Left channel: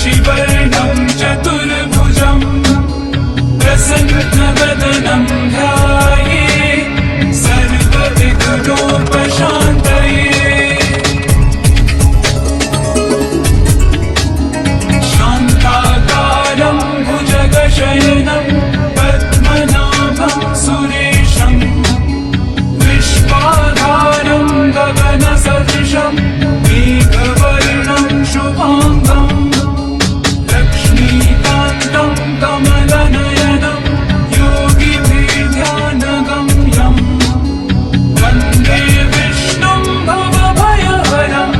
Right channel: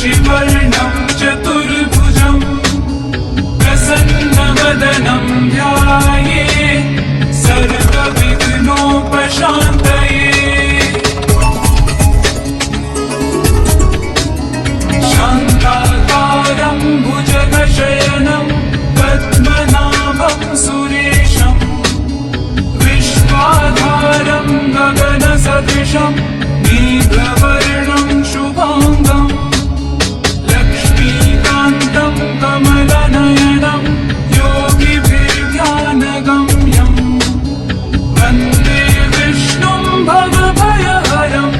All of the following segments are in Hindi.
शशिवर्णं चतुर्भुजं प्रसन्नवदनं ध्याये सर्वविघ्नोपशान्तये। शान्ताकारं भुजगशयनं पद्मनाभं सुरेशं विश्वाधारं गगनसदृशं मेघवर्णं शुभाङ्गं लक्ष्मीकान्तं कमलनयनं योगिभिर्ध्यानगम्यं वन्दे विष्णुं भवभयहरं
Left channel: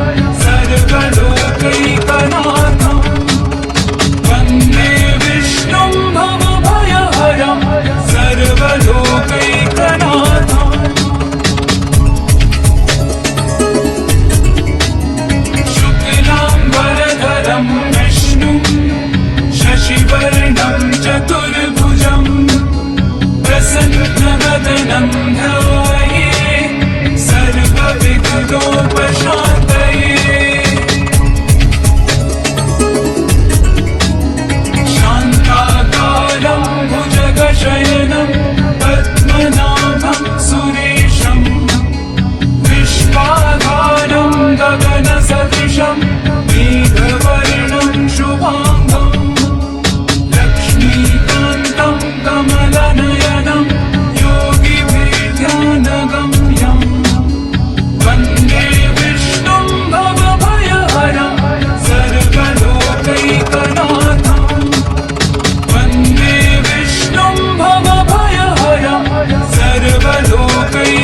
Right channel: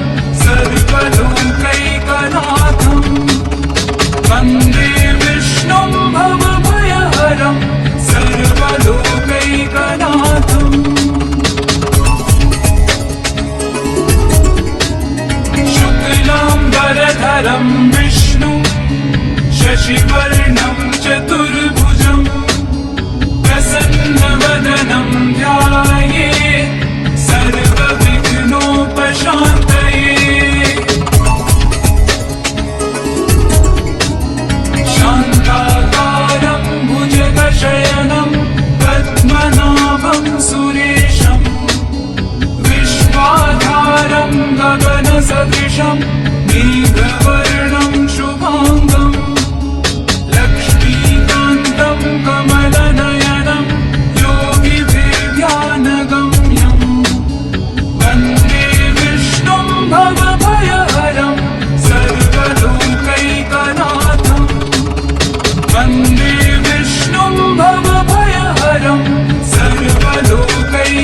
सर्वलोकैकनाथं। वन्दे विष्णुं भवभयहरं सर्वलोकैकनाथम्। शुक्लाम्बरधरं विष्णुं शशिवर्णं चतुर्भुजं प्रसन्नवदनं ध्याये सर्वविघ्नोपशान्तये। शान्ताकारं भुजगशयनं पद्मनाभं सुरेशं विश्वाधारं गगनसदृशं मेघवर्णं शुभाङ्गं लक्ष्मीकान्तं कमलनयनं योगिभिर्ध्यानगम्यं वन्दे विष्णुं भवभयहरं सर्वलोकैकनाथं। वन्दे विष्णुं भवभयहरं सर्वलोकैकनाथम्।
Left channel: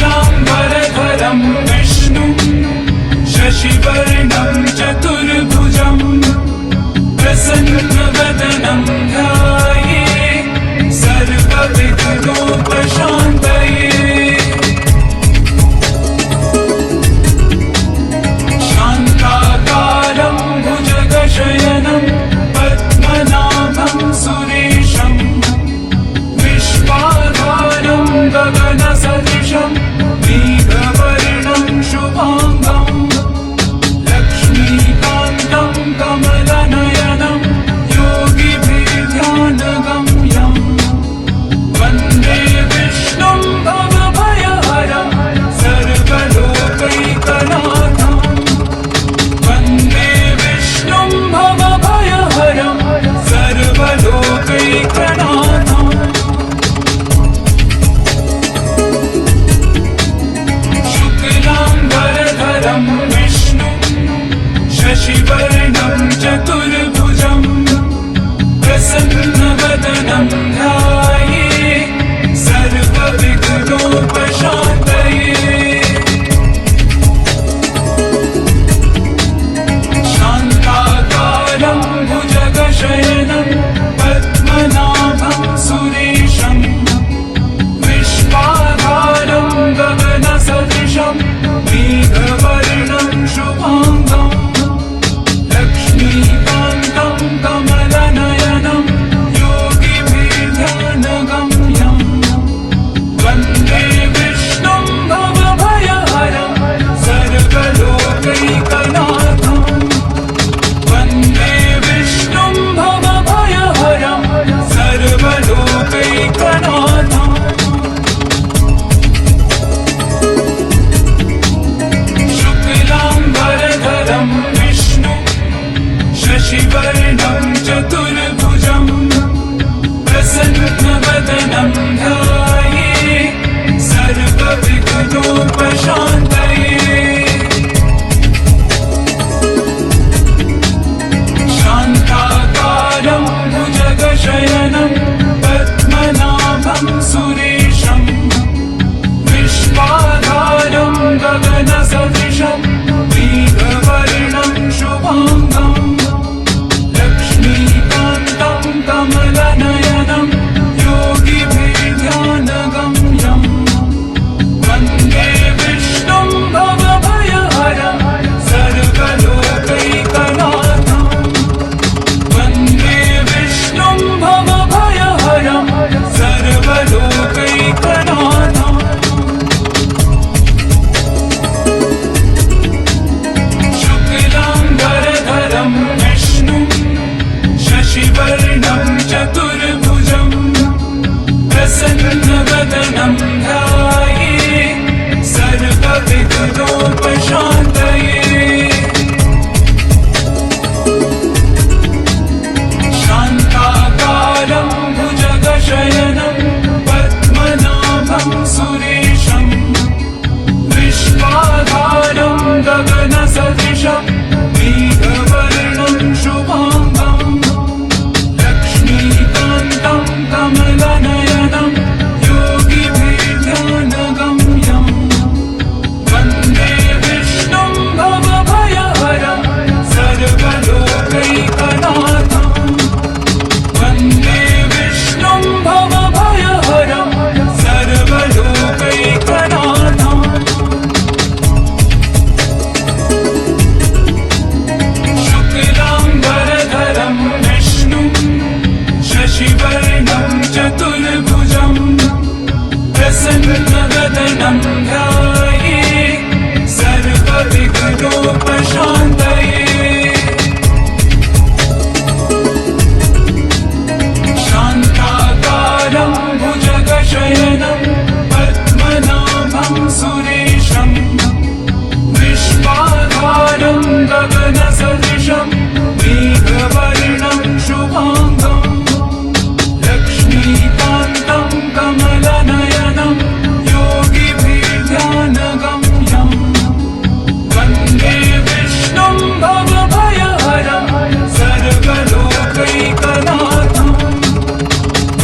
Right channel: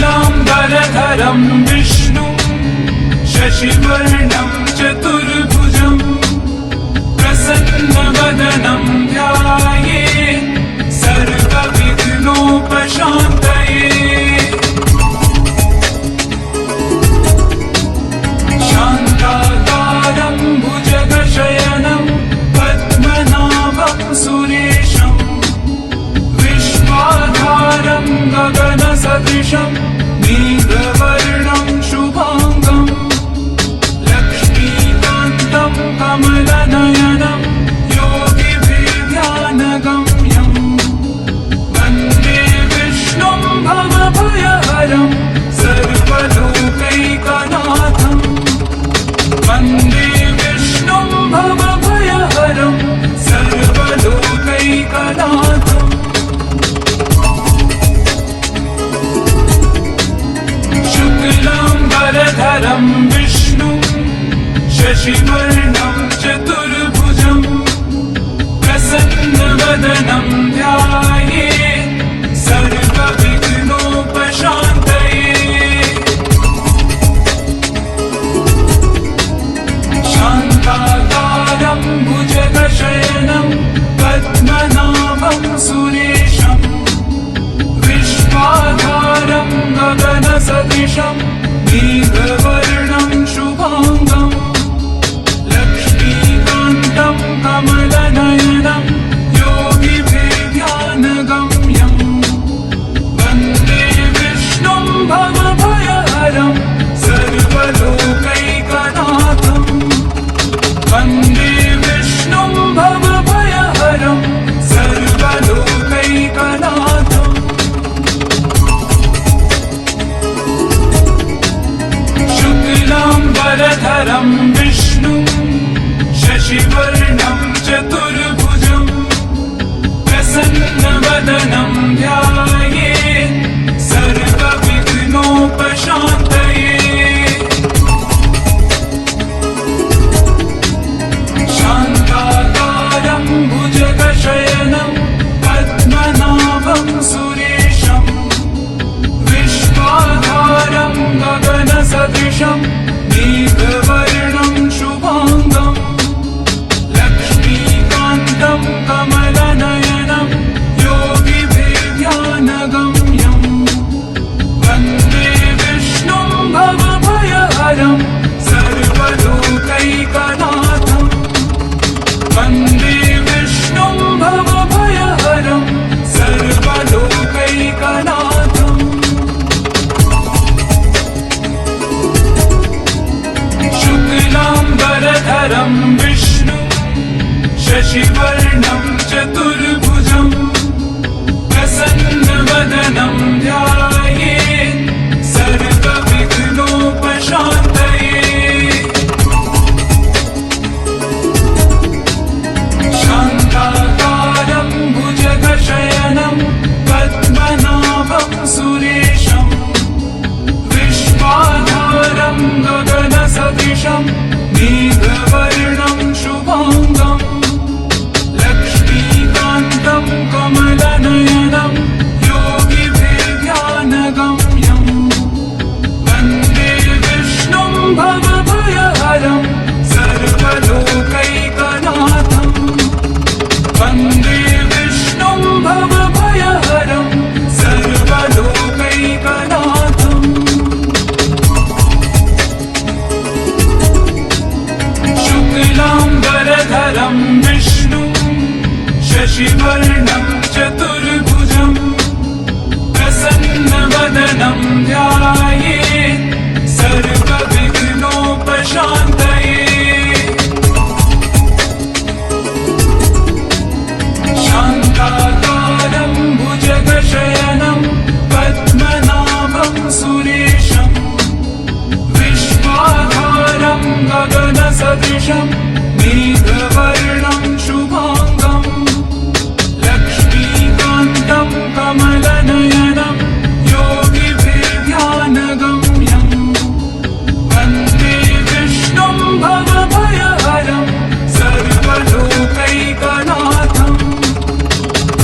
शुक्लाम्बरधरं विष्णुं शशिवर्णं चतुर्भुजं प्रसन्नवदनं ध्याये सर्वविघ्नोपशान्तये। शान्ताकारं भुजगशयनं पद्मनाभं सुरेशं विश्वाधारं गगनसदृशं मेघवर्णं शुभाङ्गं लक्ष्मीकान्तं कमलनयनं योगिभिर्ध्यानगम्यं वन्दे विष्णुं भवभयहरं सर्वलोकैकनाथं। वन्दे विष्णुं भवभयहरं सर्वलोकैकनाथम्। शुक्लाम्बरधरं विष्णुं शशिवर्णं चतुर्भुजं प्रसन्नवदनं ध्याये सर्वविघ्नोपशान्तये। शान्ताकारं भुजगशयनं पद्मनाभं सुरेशं विश्वाधारं गगनसदृशं मेघवर्णं शुभाङ्गं लक्ष्मीकान्तं कमलनयनं योगिभिर्ध्यानगम्यं वन्दे विष्णुं भवभयहरं सर्वलोकैकनाथं। वन्दे विष्णुं भवभयहरं सर्वलोकैकनाथम्। शुक्लाम्बरधरं विष्णुं शशिवर्णं चतुर्भुजं प्रसन्नवदनं ध्याये सर्वविघ्नोपशान्तये। शान्ताकारं भुजगशयनं पद्मनाभं सुरेशं विश्वाधारं गगनसदृशं मेघवर्णं शुभाङ्गं लक्ष्मीकान्तं कमलनयनं योगिभिर्ध्यानगम्यं वन्दे विष्णुं भवभयहरं सर्वलोकैकनाथं। वन्दे विष्णुं भवभयहरं सर्वलोकैकनाथम्। प्रसन्नवदनं ध्याये सर्वविघ्नोपशान्तये शान्ताकारं भुजगशयनं पद्मनाभं सुरेशं विश्वाधारं गगनसदृशं मेघवर्णं शुभाङ्गं लक्ष्मीकान्तं कमलनयनं योगिभिर्ध्यानगम्यं वन्दे विष्णुं भवभयहरं सर्वलोकैकनाथं वन्दे विष्णुं भवभयहरं सर्वलोकैकनाथम् शुक्लाम्बरधरं विष्णुं शशिवर्णं चतुर्भुजं प्रसन्नवदनं ध्याये सर्वविघ्नोपशान्तये शान्ताकारं भुजगशयनं पद्मनाभं सुरेशं विश्वाधारं गगनसदृशं मेघवर्णं शुभाङ्गं लक्ष्मीकान्तं कमलनयनं योगिभिर्ध्यानगम्यं वन्दे विष्णुं भवभयहरं सर्वलोकैकनाथं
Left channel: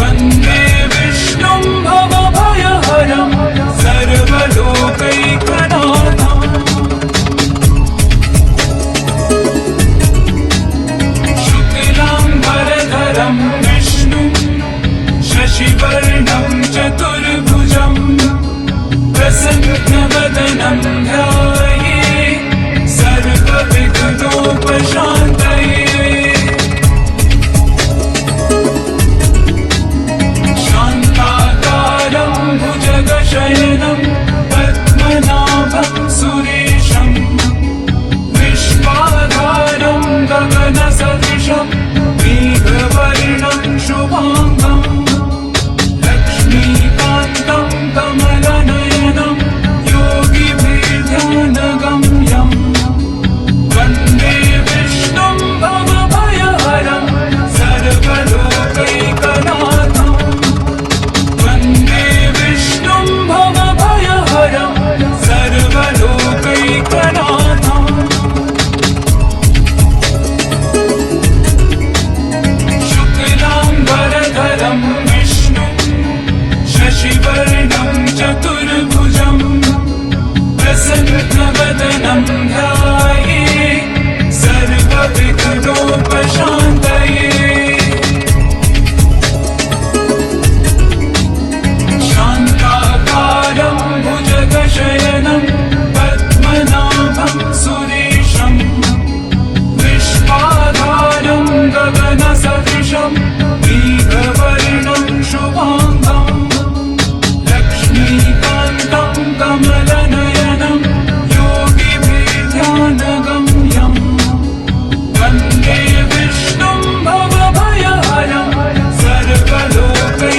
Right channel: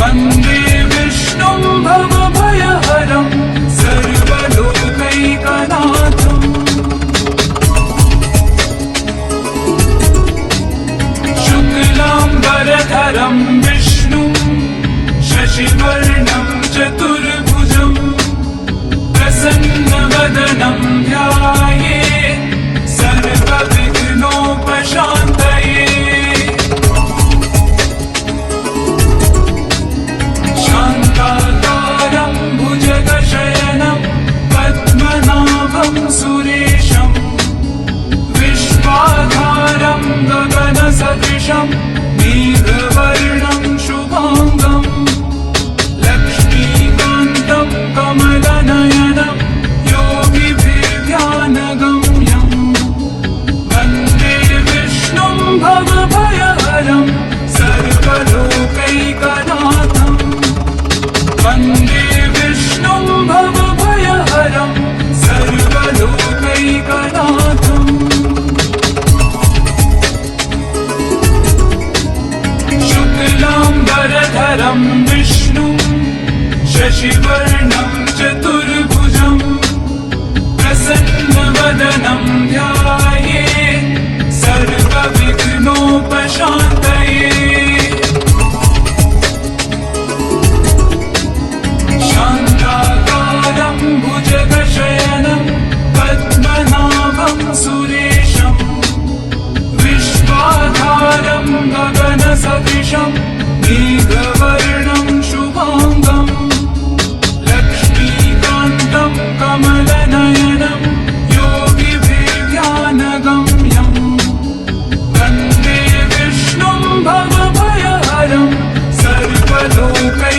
वन्दे विष्णुं भवभयहरं सर्वलोकैकनाथम् शुक्लाम्बरधरं विष्णुं शशिवर्णं चतुर्भुजं प्रसन्नवदनं ध्याये सर्वविघ्नोपशान्तये शान्ताकारं भुजगशयनं पद्मनाभं सुरेशं विश्वाधारं गगनसदृशं मेघवर्णं शुभाङ्गं लक्ष्मीकान्तं कमलनयनं योगिभिर्ध्यानगम्यं वन्दे विष्णुं भवभयहरं सर्वलोकैकनाथं वन्दे विष्णुं भवभयहरं सर्वलोकैकनाथम् शुक्लाम्बरधरं विष्णुं शशिवर्णं चतुर्भुजं प्रसन्नवदनं ध्याये सर्वविघ्नोपशान्तये शान्ताकारं भुजगशयनं पद्मनाभं सुरेशं विश्वाधारं गगनसदृशं मेघवर्णं शुभाङ्गं लक्ष्मीकान्तं कमलनयनं योगिभिर्ध्यानगम्यं वन्दे विष्णुं भवभयहरं सर्वलोकैकनाथं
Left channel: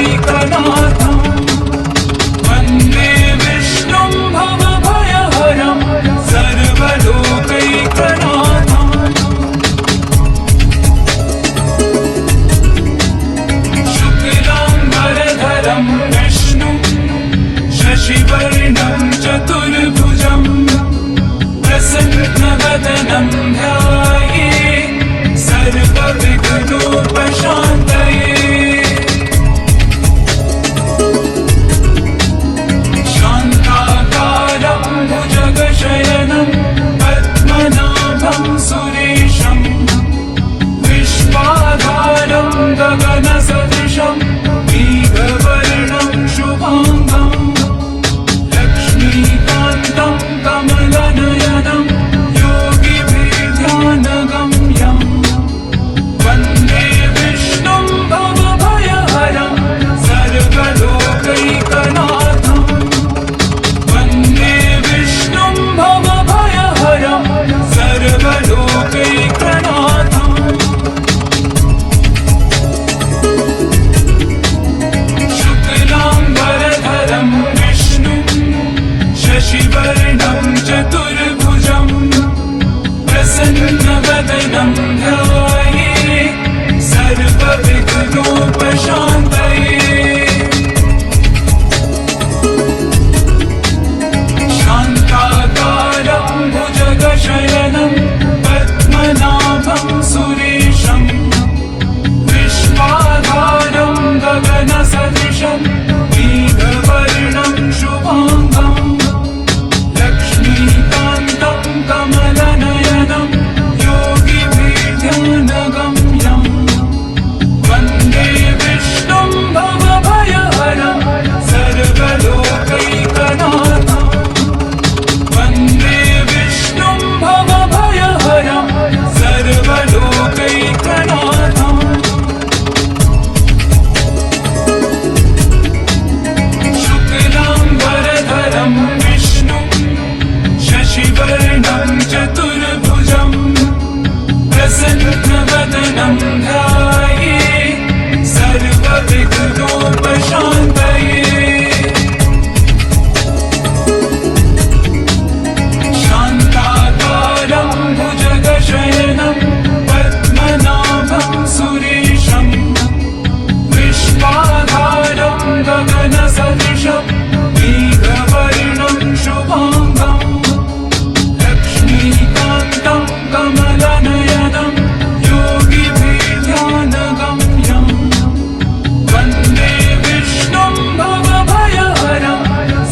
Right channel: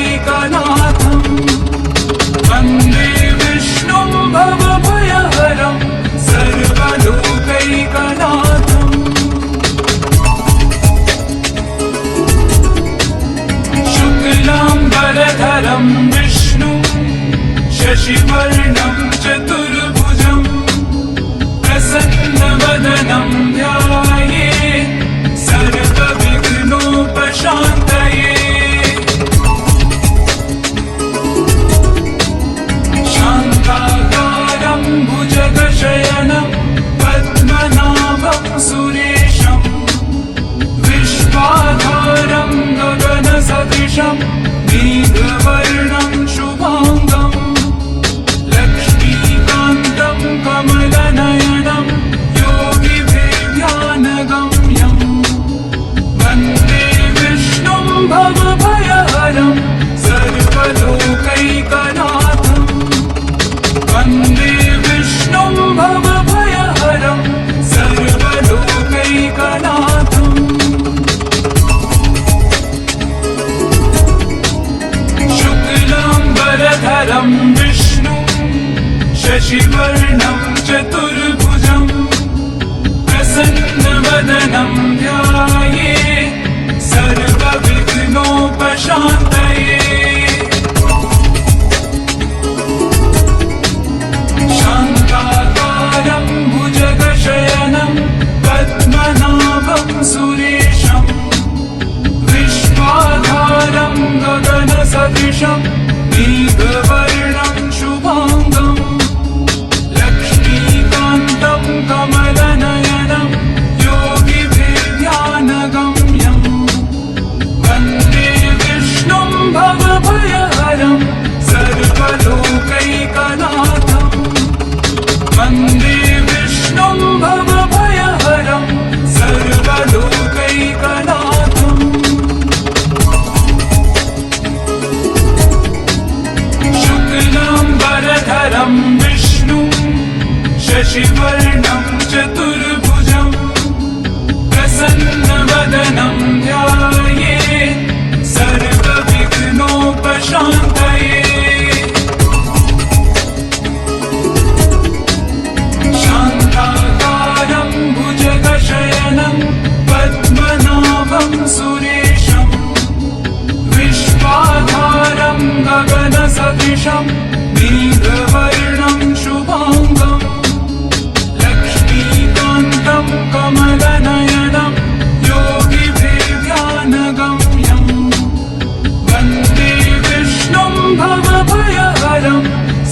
वन्दे विष्णुं भवभयहरं सर्वलोकैकनाथम् शुक्लाम्बरधरं विष्णुं शशिवर्णं चतुर्भुजं प्रसन्नवदनं ध्याये सर्वविघ्नोपशान्तये शान्ताकारं भुजगशयनं पद्मनाभं सुरेशं विश्वाधारं गगनसदृशं मेघवर्णं शुभाङ्गं लक्ष्मीकान्तं सदृशं मेघवर्णं शुभाङ्गम् लक्ष्मीकान्तं कमलनयनं योगिभिर्ध्यानगम्यं वन्दे विष्णुं भवभयहरं सर्वलोकैकनाथं वन्दे विष्णुं भवभयहरं सर्वलोकैकनाथम् शुक्लाम्बरधरं विष्णुं शशिवर्णं चतुर्भुजं प्रसन्नवदनं ध्यायेत् सर्वविघ्नोपशान्तये शान्ताकारं भुजगशयनं पद्मनाभं सुरेशं विश्वाधारं गगनसदृशं मेघवर्णं शुभाङ्गम् लक्ष्मीकान्तं कमलनयनं योगिभिर्ध्यानगम्यं वन्दे विष्णुं भवभयहरं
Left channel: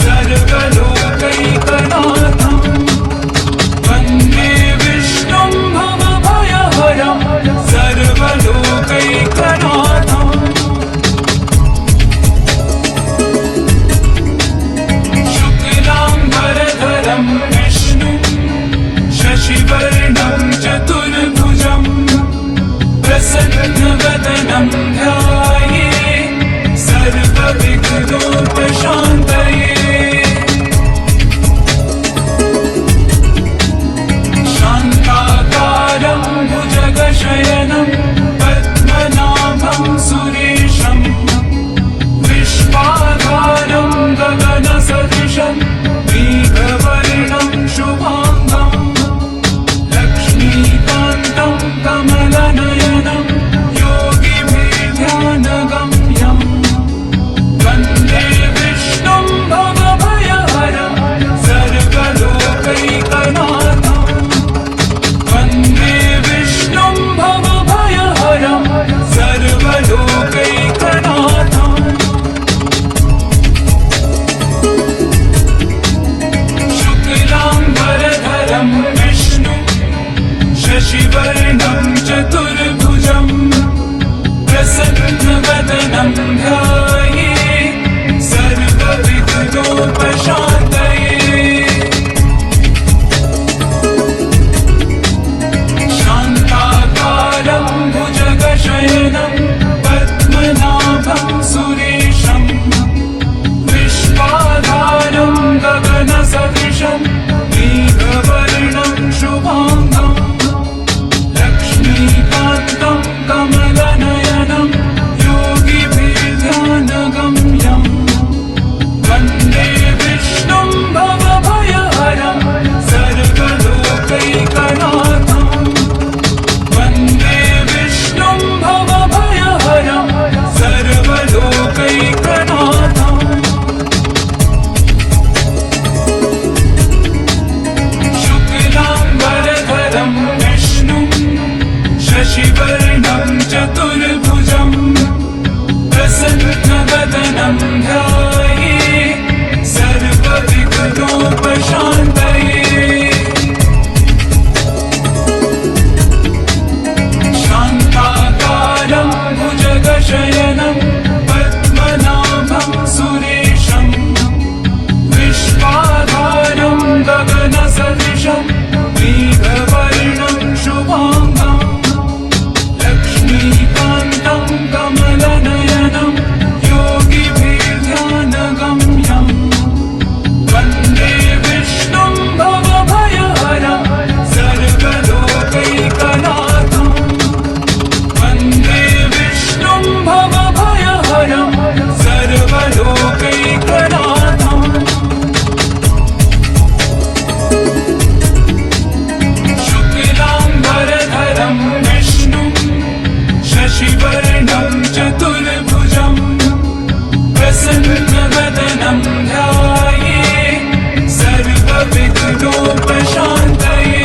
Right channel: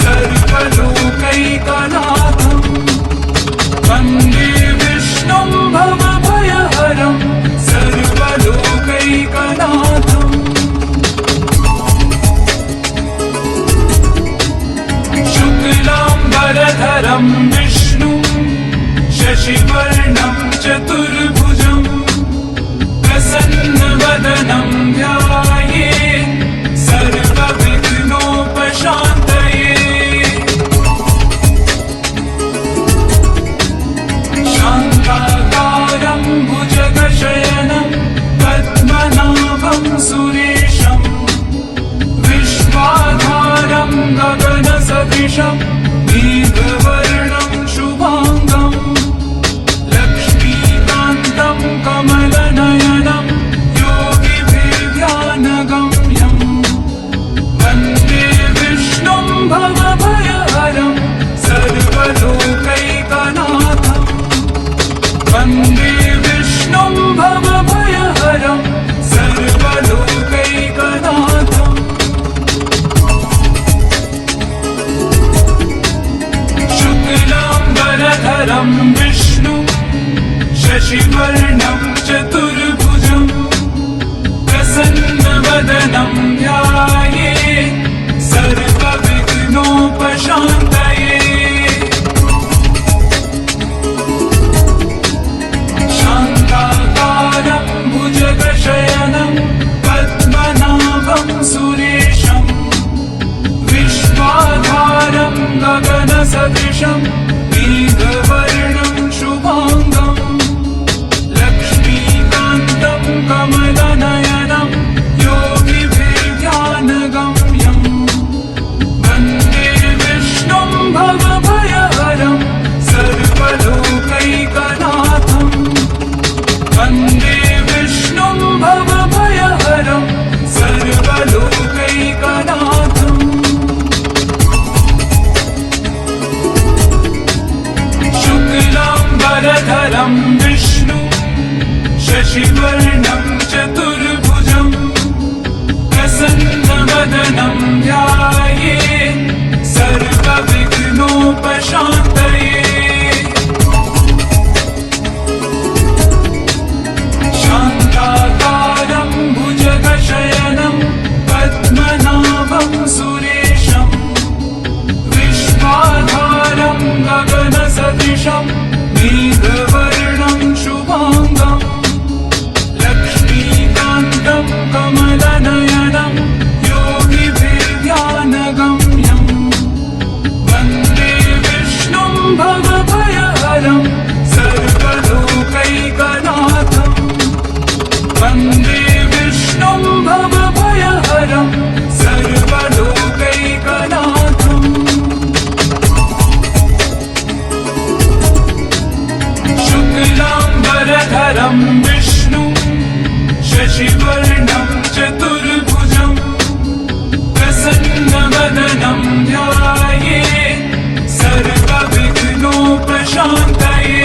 सर्वलोकैकनाथं वन्दे विष्णुं भवभयहरं सर्वलोकैकनाथम् शुक्लाम्बरधरं विष्णुं शशिवर्णं चतुर्भुजं प्रसन्नवदनं ध्यायेत् सर्वविघ्नोपशान्तये शान्ताकारं भुजगशयनं पद्मनाभं सुरेशं विश्वाधारं गगनसदृशं मेघवर्णं शुभाङ्गम् लक्ष्मीकान्तं कमलनयनं योगिभिर्ध्यानगम्यं वन्दे विष्णुं भवभयहरं सर्वलोकैकनाथं वन्दे विष्णुं भवभयहरं सर्वलोकैकनाथम् शुक्लाम्बरधरं विष्णुं शशिवर्णं चतुर्भुजं प्रसन्नवदनं ध्यायेत् सर्वविघ्नोपशान्तये शान्ताकारं भुजगशयनं पद्मनाभं सुरेशं विश्वाधारं गगनसदृशं मेघवर्णं शुभाङ्गम् लक्ष्मीकान्तं कमलनयनं योगिभिर्ध्यानगम्यं वन्दे विष्णुं भवभयहरं सर्वलोकैकनाथं वन्दे विष्णुं भवभयहरं सर्वलोकैकनाथम् शुक्लाम्बरधरं विष्णुं शशिवर्णं चतुर्भुजं प्रसन्नवदनं ध्यायेत् सर्वविघ्नोपशान्तये शान्ताकारं भुजगशयनं पद्मनाभं सुरेशं विश्वाधारं गगनसदृशं मेघवर्णं शुभाङ्गम् लक्ष्मीकान्तं कमलनयनं योगिभिर्ध्यानगम्यं वन्दे विष्णुं भवभयहरं सर्वलोकैकनाथं वन्दे विष्णुं भवभयहरं सर्वलोकैकनाथम् शुक्लाम्बरधरं विष्णुं शशिवर्णं चतुर्भुजं प्रसन्नवदनं ध्यायेत् सर्वविघ्नोपशान्तये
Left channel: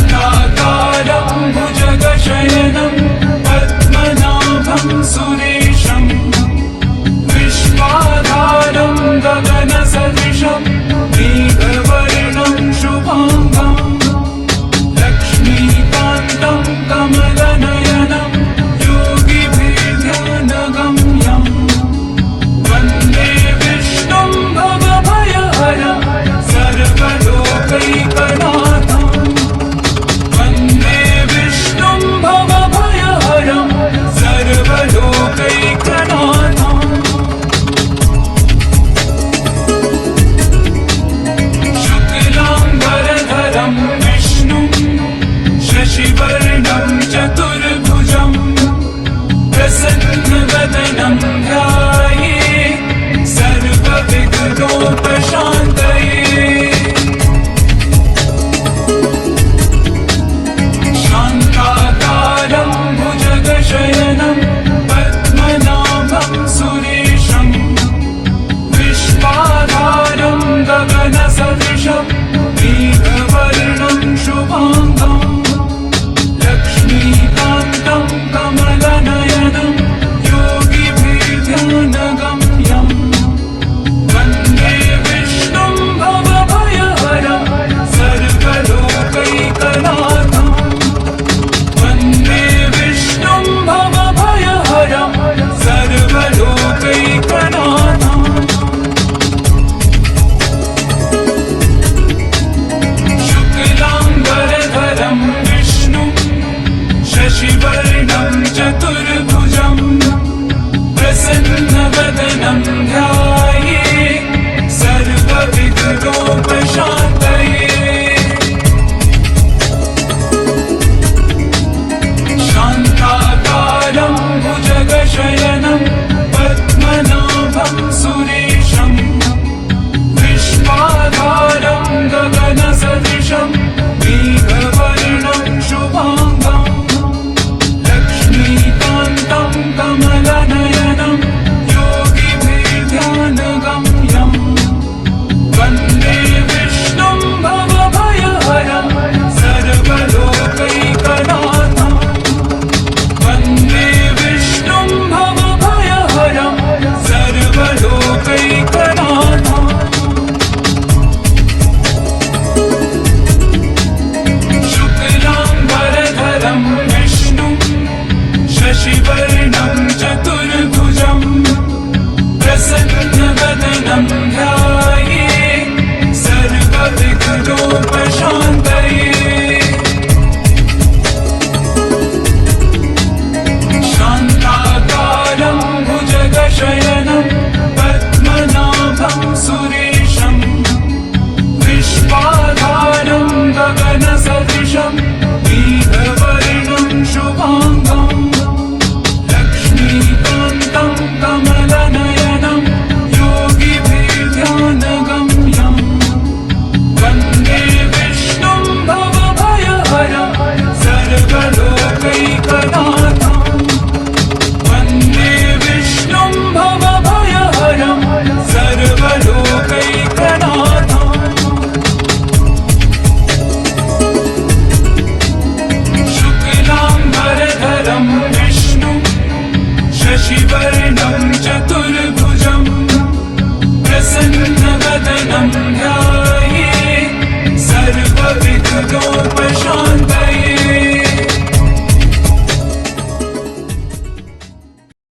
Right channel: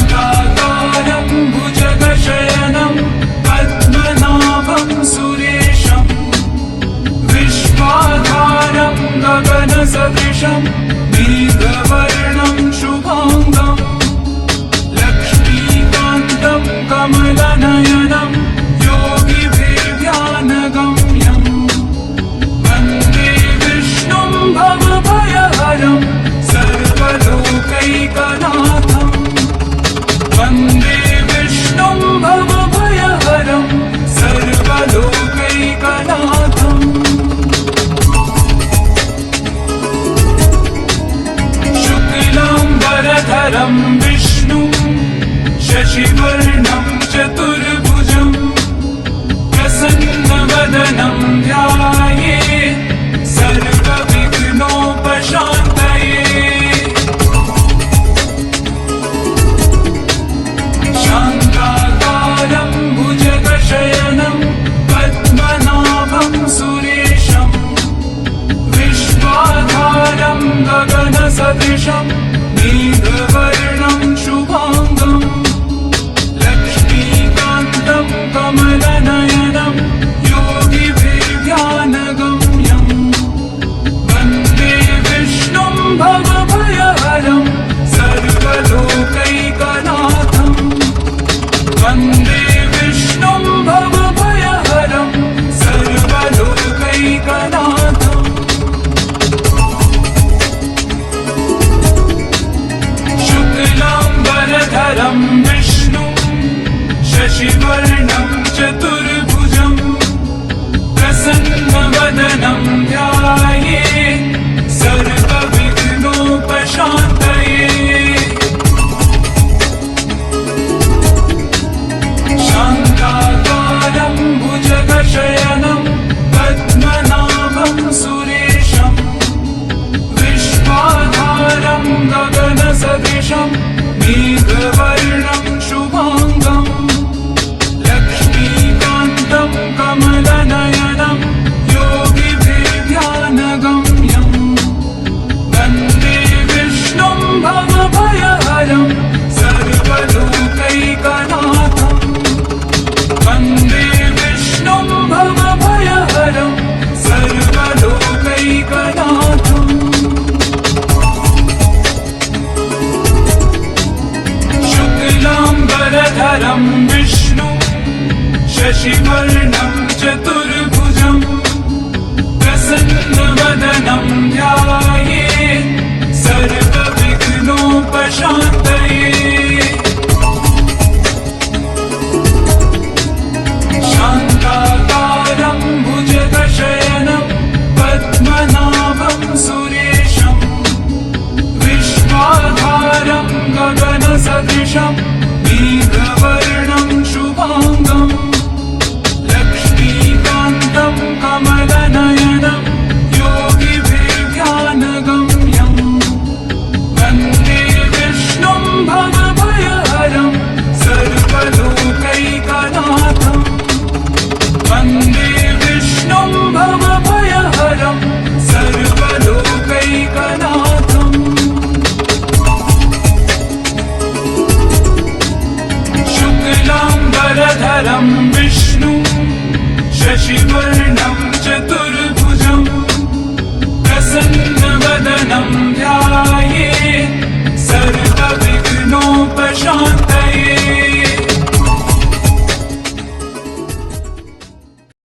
शान्ताकारं भुजगशयनं शशिवर्णं चतुर्भुजं प्रसन्नवदनं ध्यायेत् सर्वविघ्नोपशान्तये शान्ताकारं भुजगशयनं पद्मनाभं सुरेशं विश्वाधारं गगनसदृशं मेघवर्णं शुभाङ्गं लक्ष्मीकान्तं कमलनयनं योगिभिर्ध्यानगम्यं वन्दे विष्णुं भवभयहरं सर्वलोकैकनाथं वन्दे विष्णुं भवभयहरं सर्वलोकैकनाथम् शुक्लां वरधरं विष्णु शशिवर्णं चतुर्भुजं